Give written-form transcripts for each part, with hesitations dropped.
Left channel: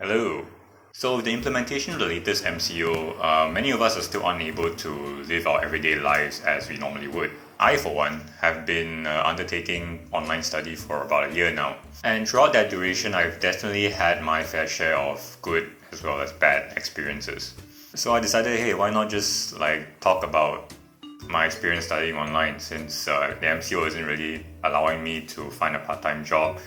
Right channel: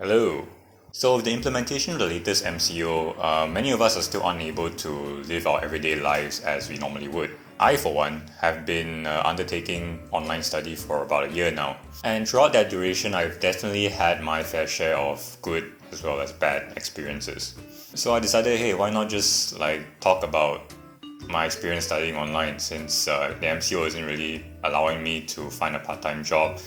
Hello. So with the implementation of the latest MCO, many of us are still unable to live our everyday lives as we normally would. I, for one, have been undertaking online study for about a year now. And throughout that duration, I've definitely had my fair share of good as well as bad experiences. So I decided, hey, why not just talk about my experience studying online since the MCO isn't really allowing me to find a part-time job,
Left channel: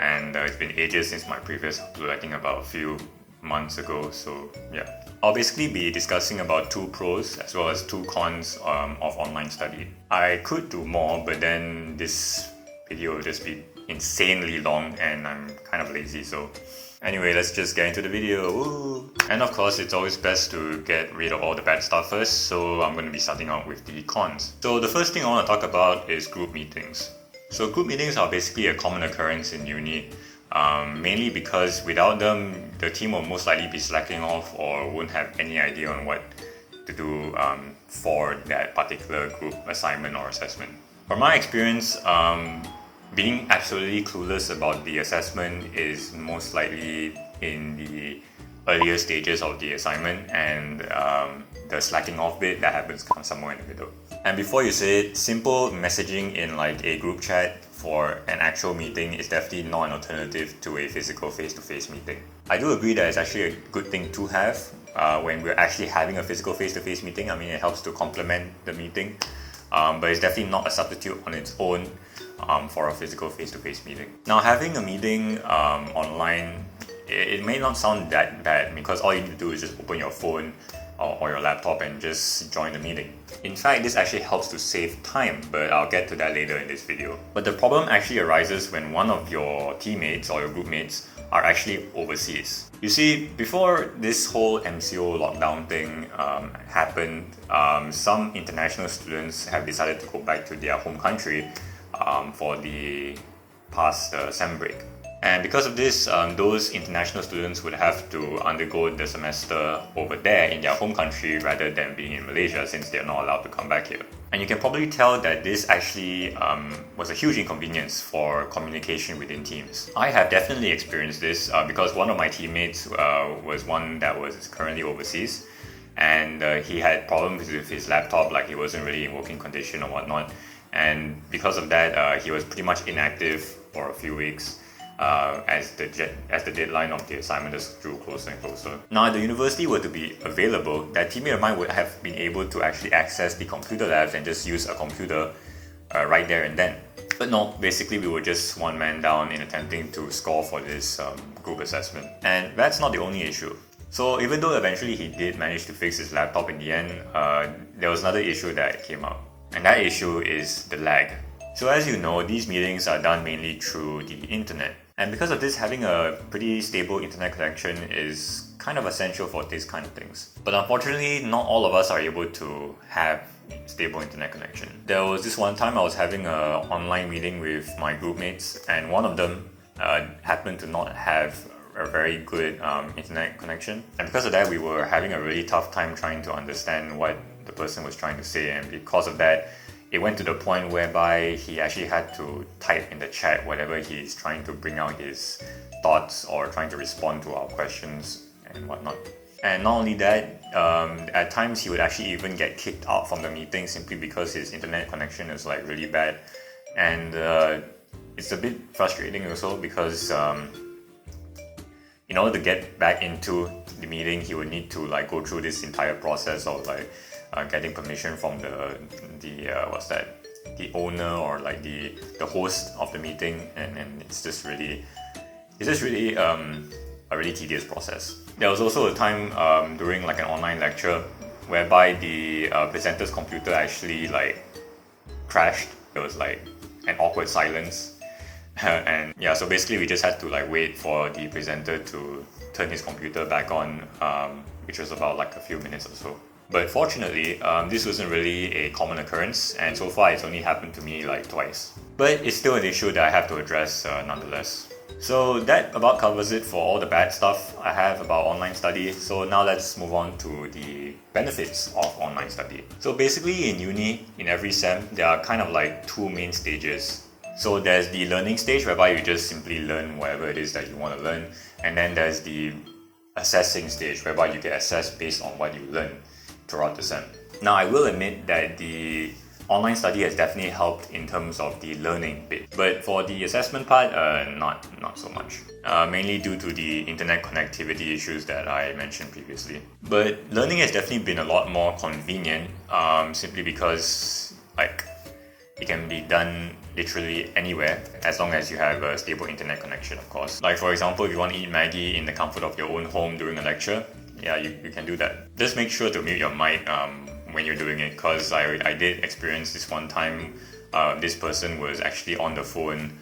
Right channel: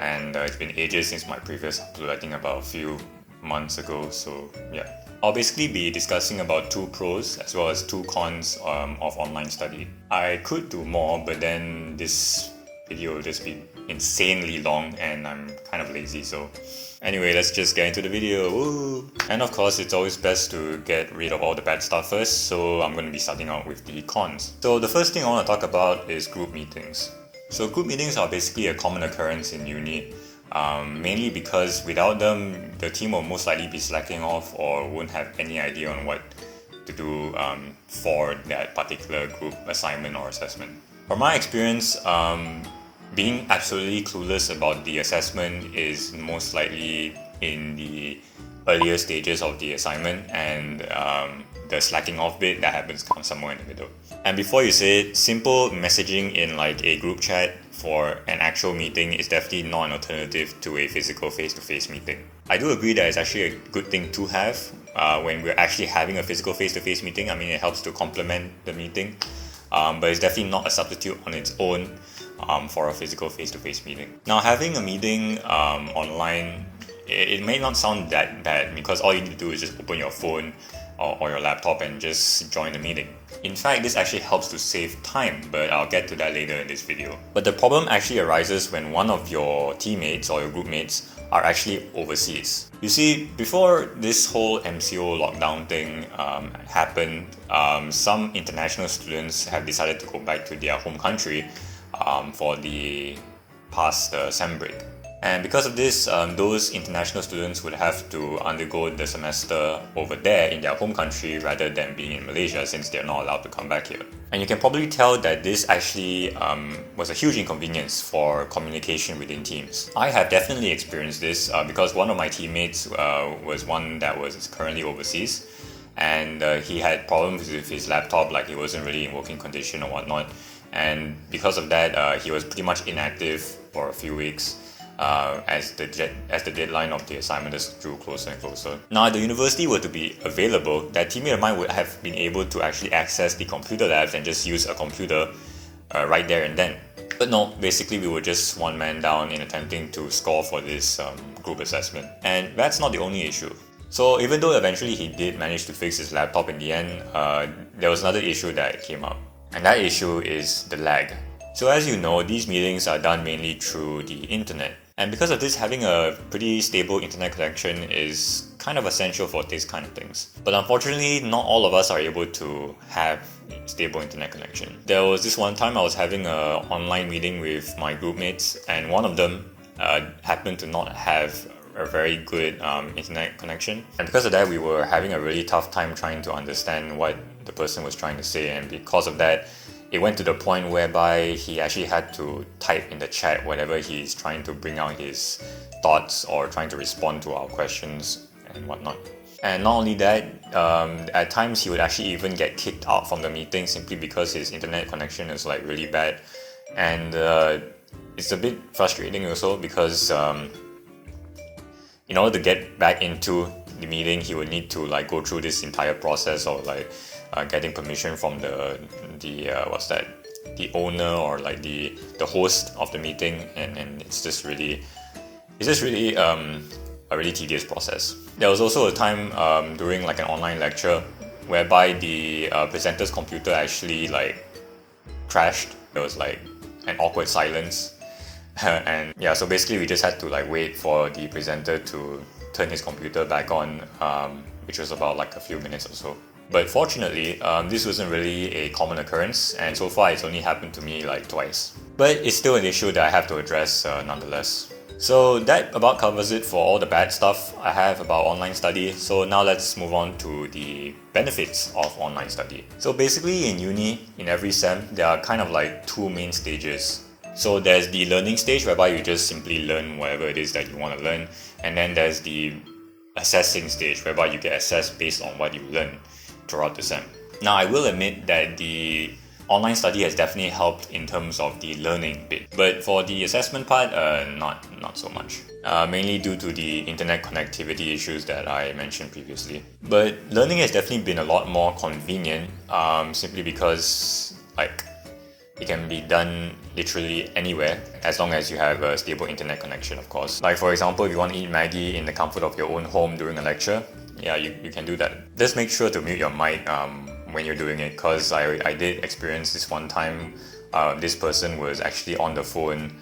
and it's been ages since my previous upload, I think about a few months ago. So yeah, I'll basically be discussing about two pros as well as two cons of online study. I could do more, but then this video will just be insanely long and I'm kind of lazy, so anyway, let's just get into the video. Woo! And of course, it's always best to get rid of all the bad stuff first, so I'm going to be starting out with the cons. So the first thing I want to talk about is group meetings. So group meetings are basically a common occurrence in uni, mainly because without them, the team will most likely be slacking off or won't have any idea on what to do for that particular group assignment or assessment. From my experience, being absolutely clueless about the assessment is most likely in the earlier stages of the assignment, and the slacking off bit that happens somewhere in the middle. And before you say it, simple messaging in a group chat for an actual meeting is definitely not an alternative to a physical face-to-face meeting. I do agree that it's actually a good thing to have when we're actually having a physical face-to-face meeting. I mean, it helps to complement the meeting, but it's definitely not a substitute on its own for a physical face-to-face meeting. Now, having a meeting online, it may not sound that bad because all you need to do is just open your phone or your laptop and just join the meeting. In fact, this actually helps to save time, but I'll get to that later in this video. But the problem actually arises when one of your teammates or your group mates are actually overseas. You see, before this whole MCO lockdown thing happened, some international students have decided to go back to their home country for the past sem break. And because of this, those international students would have to undergo the semester over there in their home country rather than being in Malaysia, since they're not allowed to come back here. And you can probably tell that this actually was a huge inconvenience for communication within teams. I have definitely experienced this because one of my teammates was one that was currently overseas, and he had problems with his laptop, like he wasn't really in working condition or whatnot. And because of that, he was pretty much inactive for a few weeks. As the deadline of the assignment just drew closer and closer. Now, if the university were to be available, that teammate of mine would have been able to actually access the computer labs and just use a computer right there and then. But no, basically we were just one man down in attempting to score for this group assessment. And that's not the only issue. So even though eventually he did manage to fix his laptop in the end, there was another issue that came up. And that issue is the lag. So as you know, these meetings are done mainly through the internet. And because of this, having a pretty stable internet connection is kind of essential for these kind of things. But unfortunately, not all of us are able to have stable internet connection. There was this one time I was having an online meeting with my group mates, and one of them happened to not have a very good internet connection. And because of that, we were having a really tough time trying to understand what the person was trying to say. And because of that, it went to the point whereby he actually had to type in the chat whenever he's trying to bring out his thoughts or trying to respond to our questions and whatnot. And not only that, at times he would actually even get kicked out from the meeting simply because his internet connection is really bad. And it's a bit frustrating also because in order to get back into the meeting, he would need to go through this entire process of getting permission from the owner or the host of the meeting, and it's just really a really tedious process. There was also a time during an online lecture whereby the presenter's computer actually crashed. There was an awkward silence. And yeah, so basically we just had to wait for the presenter to turn his computer back on, which was about a few minutes or so. But fortunately, this wasn't really a common occurrence, and so far it's only happened to me twice. But it's still an issue that I have to address nonetheless. So that about covers it for all the bad stuff I have about online study. So now let's move on to the benefits of online study. So basically in uni, in every sem, there are kind of two main stages. So there's the learning stage whereby you just simply learn whatever it is that you want to learn, and then there's the assessing stage whereby you get assessed based on what you learn throughout the sem. Now, I will admit that the online study has definitely helped in terms of the learning bit, but for the assessment part, not so much. Mainly due to the internet connectivity issues that I mentioned previously. But learning has definitely been a lot more convenient, simply because it can be done literally anywhere as long as you have a stable internet connection, of course. Like for example, if you want to eat Maggie in the comfort of your own home during a lecture, yeah, you can do that. Just make sure to mute your mic when you're doing it, because I did experience this one time. This person was actually on the phone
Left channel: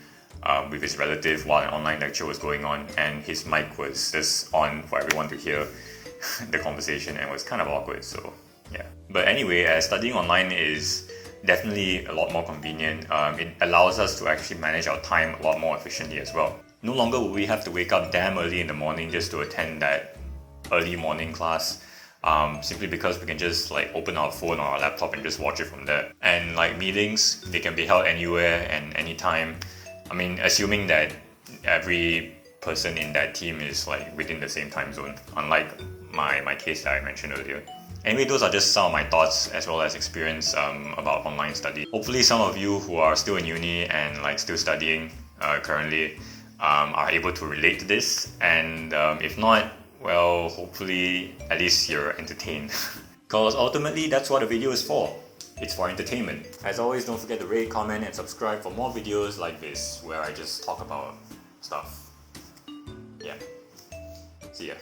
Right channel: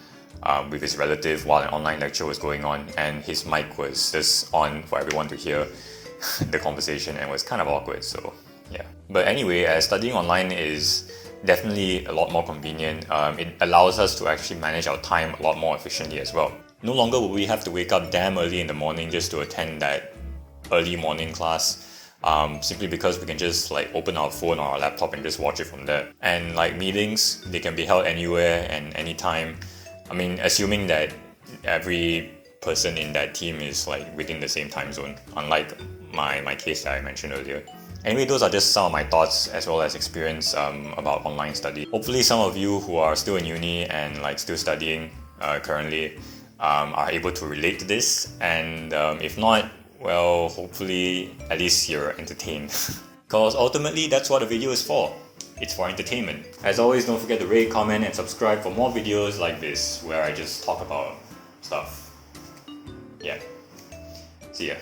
with his relative while an online lecture was going on, and his mic was just on for everyone to hear the conversation, and it was kind of awkward, so yeah. But anyway, studying online is definitely a lot more convenient. It allows us to actually manage our time a lot more efficiently as well. No longer will we have to wake up damn early in the morning just to attend that early morning class, simply because we can just open our phone or our laptop and just watch it from there. And meetings, they can be held anywhere and anytime. I mean, assuming that every person in that team is within the same time zone, unlike my case that I mentioned earlier. Anyway, those are just some of my thoughts as well as experience about online study. Hopefully some of you who are still in uni and still studying currently are able to relate to this, and if not, well, hopefully at least you're entertained. Because ultimately that's what a video is for. It's for entertainment. As always, don't forget to rate, comment and subscribe for more videos like this where I just talk about stuff. Yeah. See ya.